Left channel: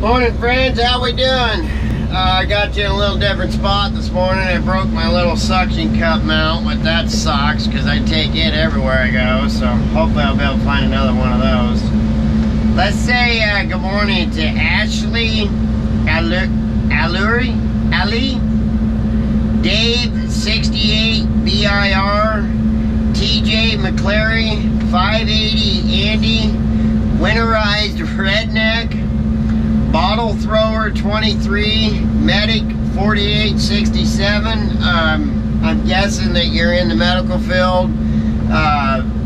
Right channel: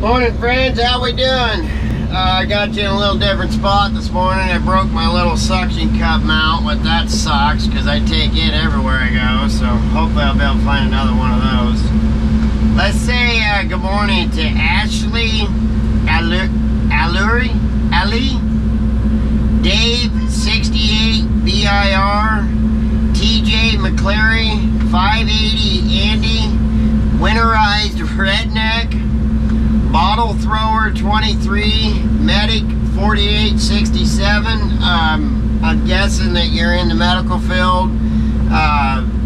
Morning, friends. How we doing? I got you in a little different spot this morning. I broke my little suction cup mount, but that sucks because I take it everywhere I go. So hopefully I'll be able to find another one of those. Let's say good morning to Ashley Ali, Dave 68 BIR, TJ McClary 580 Andy, Winterized Redneck, Bottle Thrower 23, Medic 4867. I'm guessing that you're in the medical field.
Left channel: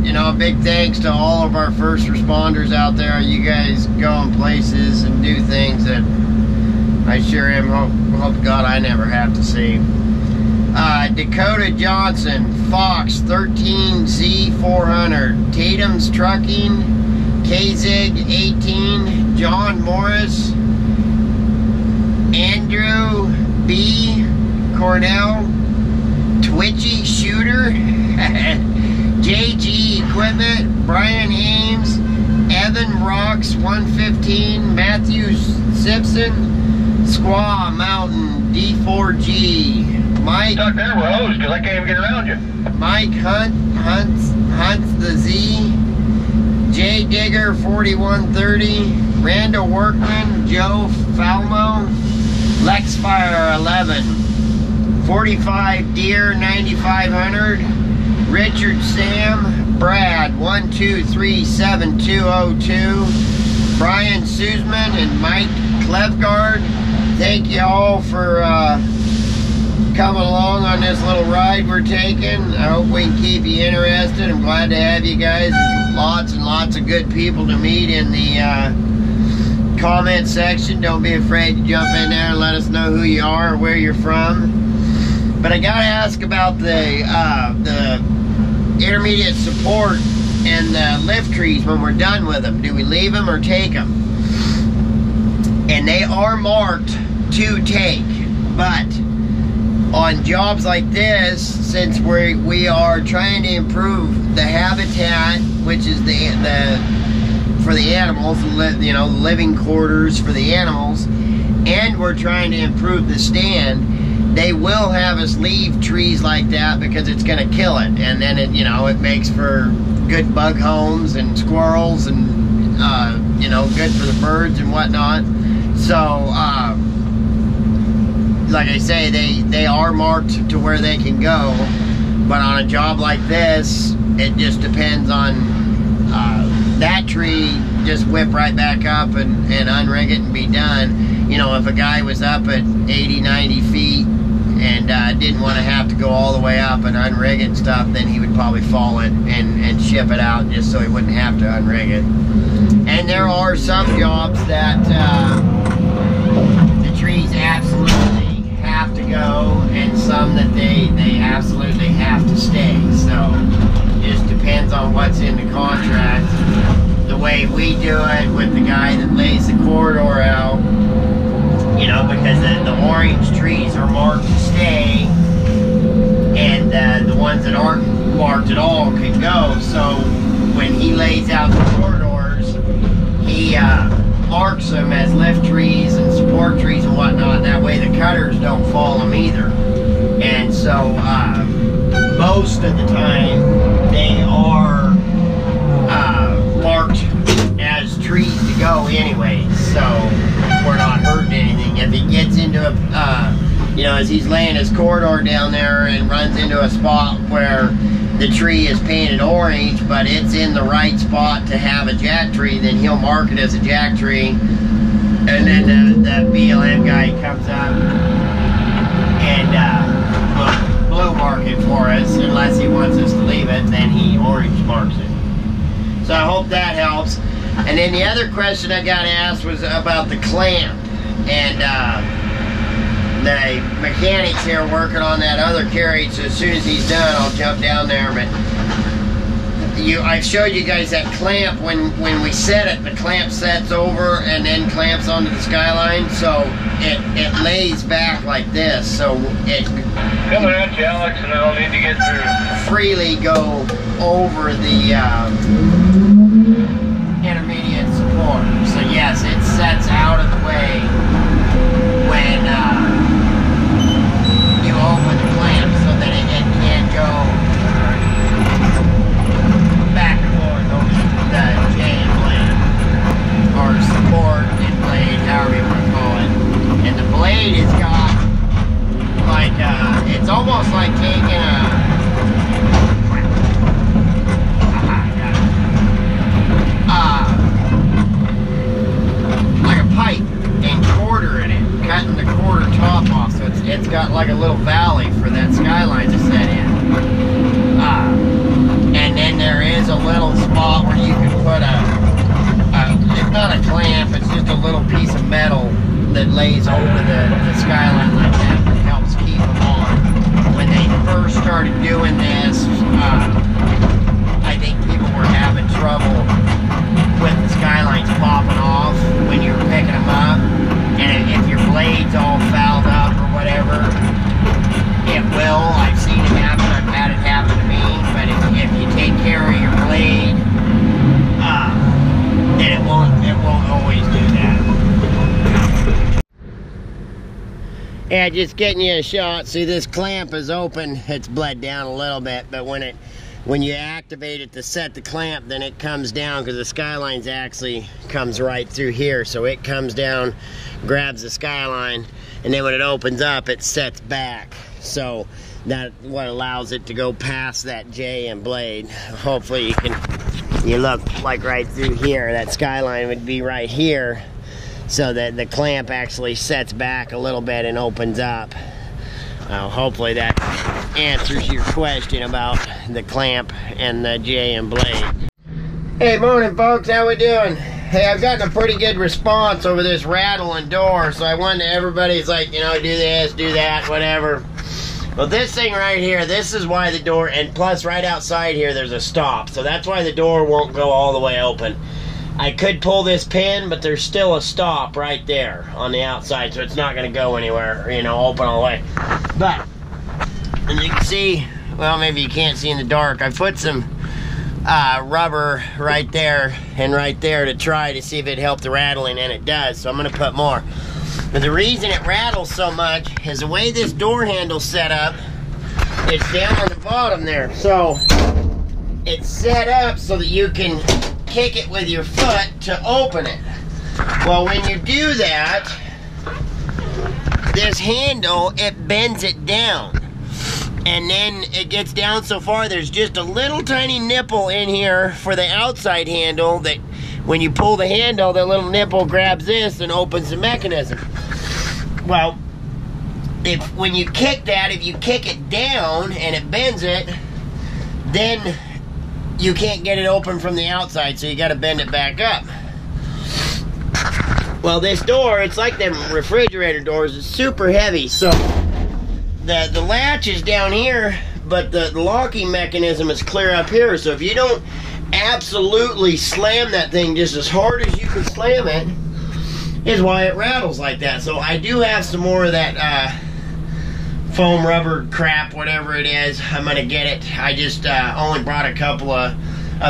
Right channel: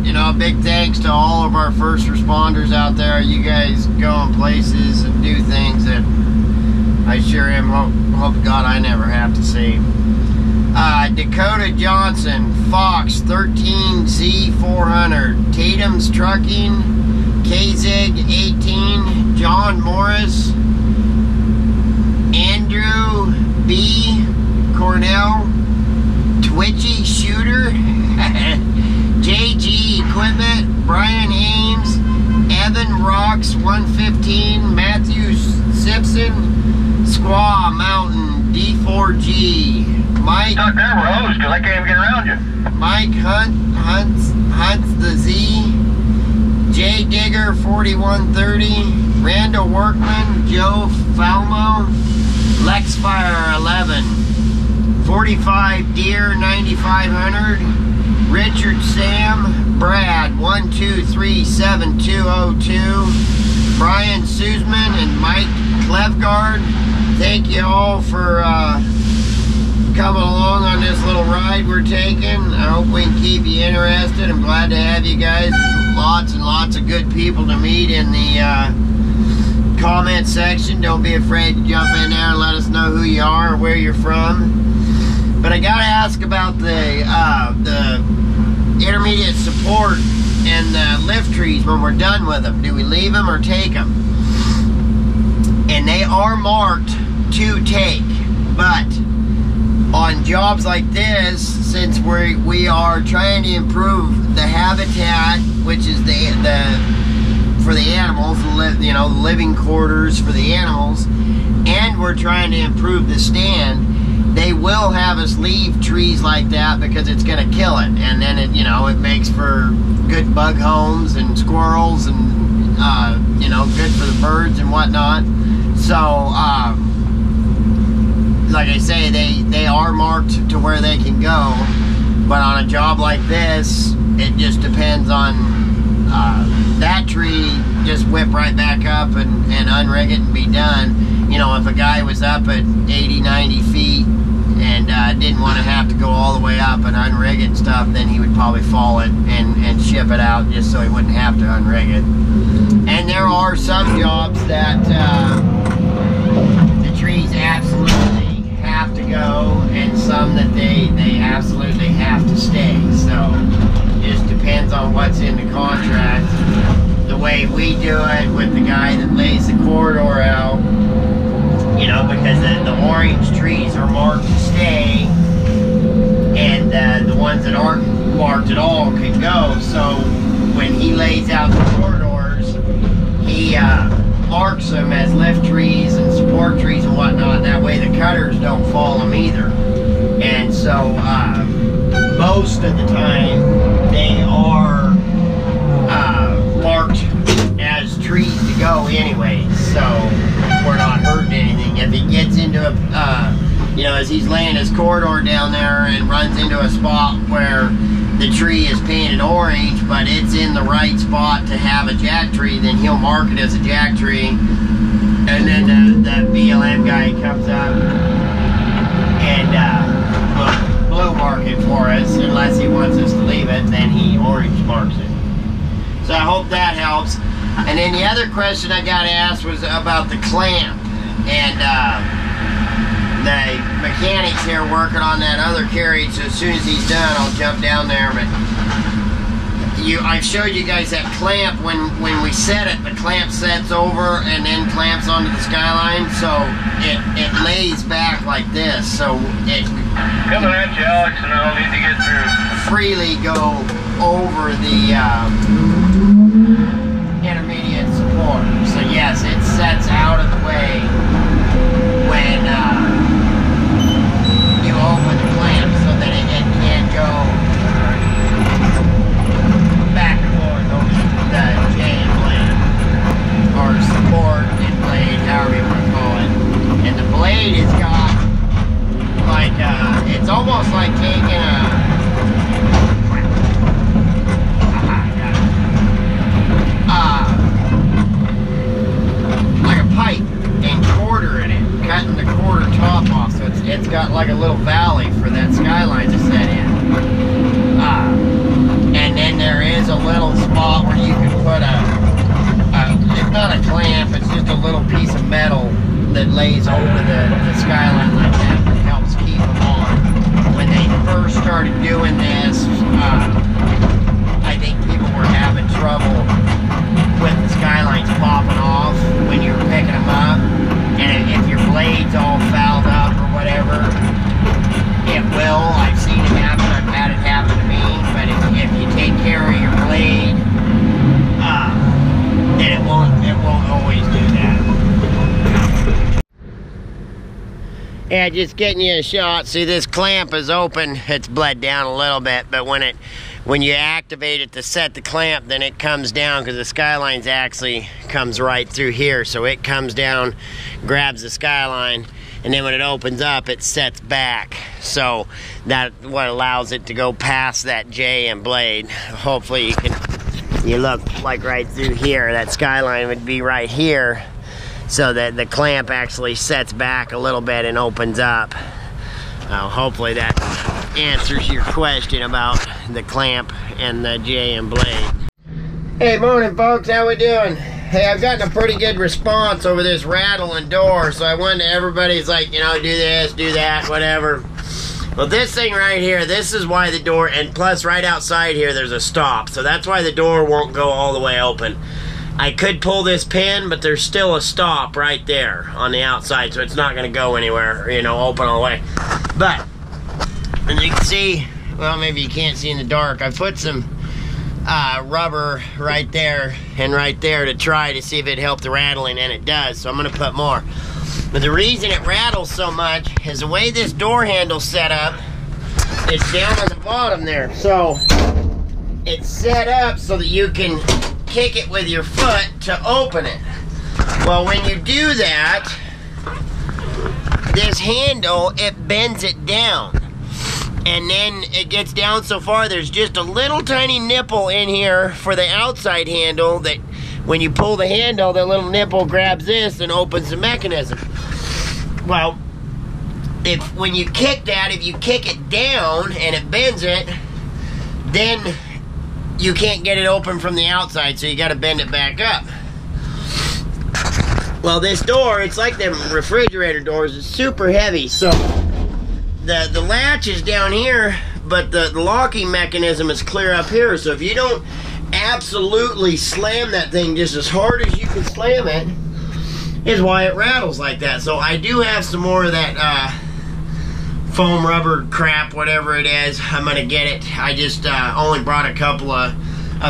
You know, a big thanks to all of our first responders out there. You guys go in places and do things that I sure am hope to God I never have to see. Dakota Johnson, Fox 13Z400, Tatum's Trucking, KZig 18, John Morris, Andrew B, Cornell, Twitchy Shooter, JG Equipment, Brian Ames, Evan Rocks 115, Matthew Simpson, Squaw Mountain D4G, Mike. Stuck there, Rose, because I can't even get around you. Mike Hunts the Z, J Digger 4130, Randall Workman, Joe Falmo, Lexfire 11, 45 Deer 9500, Richard Sam, Brad 1237202, Brian Suzman, and Mike Klevgard. Thank you all for coming along on this little ride we're taking. I hope we can keep you interested. I'm glad to have you guys. There's lots and lots of good people to meet in the comment section. Don't be afraid to jump in there and let us know who you are or where you're from. But I gotta ask about the intermediate support and the lift trees when we're done with them. Do we leave them or take them? And they are marked to take, but on jobs like this, since we are trying to improve the habitat, which is for the animals, you know, the living quarters for the animals, and we're trying to improve the stand, they will have us leave trees like that because it's going to kill it, and then it, you know, it makes for good bug homes and squirrels and you know, good for the birds and whatnot. So like I say, they are marked to where they can go, but on a job like this, it just depends on that tree. Just whip right back up and unrig it and be done. You know, if a guy was up at 80-90 feet and didn't want to have to go all the way up and unrig it and stuff, then he would probably fall it and ship it out just so he wouldn't have to unrig it. And there are some jobs that the trees absolutely have to go, and some that they absolutely have to stay. So it just depends on what's in the contract. The way we do it with the guy that lays the corridor out, you know, because the orange trees are marked to stay, and the ones that aren't marked at all can go. So when he lays out the corridors, he marks them as lift trees and support trees and whatnot. That way the cutters don't fall them either. And so most of the time they are marked as trees to go anyway, so we're not hurting anything. If he gets into a you know, as he's laying his corridor down there and runs into a spot where the tree is painted orange, but it's in the right spot to have a jack tree, then he'll mark it as a jack tree, and then the BLM guy comes up and blue mark it for us, unless he wants us to leave it, then he orange marks it. So I hope that helps. And then the other question I got asked was about the clamp, and the mechanic's here working on that other carriage, so as soon as he's done, I'll jump down there. But I showed you guys that clamp. When we set it, the clamp sets over and then clamps onto the Skyline, so it lays back like this, so it coming at you, Alex, and I'll need to get through. Freely go over the intermediate support. So yes, it sets out of the way like a little valley for that Skyline to set in. And then there is a little spot where you can put it's not a clamp, it's just a little piece of metal that lays over the Skyline like that helps keep them on. When they first started doing this, I think people were having trouble with the Skylines popping off when you were picking them up. And if your blade's all fouled up or whatever, it will. I've seen it happen. I've had it happen to me. But if you take care of your blade, then it won't always do that. Yeah, just getting you a shot. See, this clamp is open. It's bled down a little bit, but when you activate it to set the clamp, then it comes down because the Skyline's actually comes right through here. So it comes down, grabs the Skyline, and then when it opens up, it sets back. So that's what allows it to go past that J and blade. Hopefully you look like right through here, that Skyline would be right here, so that the clamp actually sets back a little bit and opens up. Hopefully that answers your question about the clamp and the J and blade. Hey, morning folks, how we doing? Hey, I've gotten a pretty good response over this rattle and door, so I wanted everybody's like, you know, do this, do that, whatever. Well, this thing right here, this is why the door, and plus right outside here there's a stop, so that's why the door won't go all the way open. I could pull this pin, but there's still a stop right there on the outside, so it's not going to go anywhere, you know, open all the way. But, and you can see, well, maybe you can't see in the dark, I put some rubber right there and right there to try to see if it helped the rattling, and it does, so I'm going to put more. But the reason it rattles so much is the way this door handle's set up, it's down on the bottom there. So it's set up so that you can kick it with your foot to open it. Well, when you do that, this handle, it bends it down. And then it gets down so far, there's just a little tiny nipple in here for the outside handle that when you pull the handle, the little nipple grabs this and opens the mechanism. Well, when you kick that, if you kick it down and it bends it, then you can't get it open from the outside, so you got to bend it back up. Well, this door, it's like them refrigerator doors, it's super heavy, so the latch is down here, but the locking mechanism is clear up here, so if you don't absolutely slam that thing just as hard as you can slam it, is why it rattles like that. So I do have some more of that foam rubber crap, whatever it is. I'm gonna get it. I just only brought a couple of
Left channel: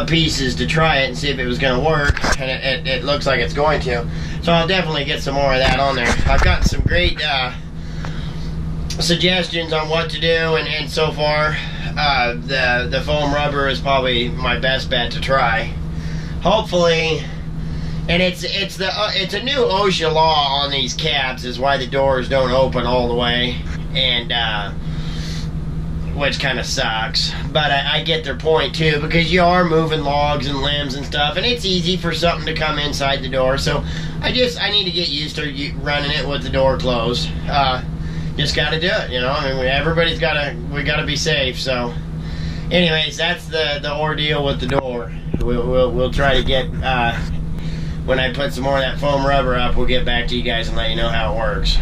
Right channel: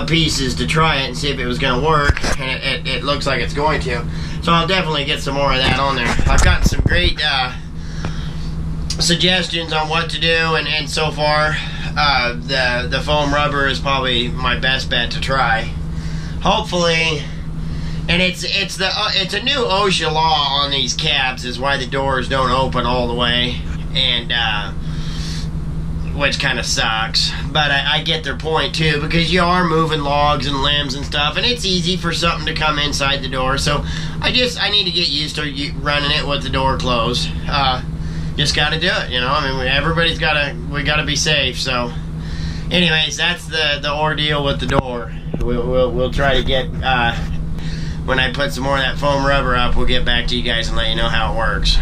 pieces to try it and see if it was gonna work, and it looks like it's going to. So I'll definitely get some more of that on there. I've gotten some great suggestions on what to do, and so far the foam rubber is probably my best bet to try. Hopefully. And it's a new OSHA law on these cabs, is why the doors don't open all the way, and which kind of sucks. But I get their point too, because you are moving logs and limbs and stuff, and it's easy for something to come inside the door. So I need to get used to running it with the door closed. Just got to do it, you know. I mean, we gotta be safe. So, anyways, that's the ordeal with the door. We'll try to get. When I put some more of that foam rubber up, we'll get back to you guys and let you know how it works.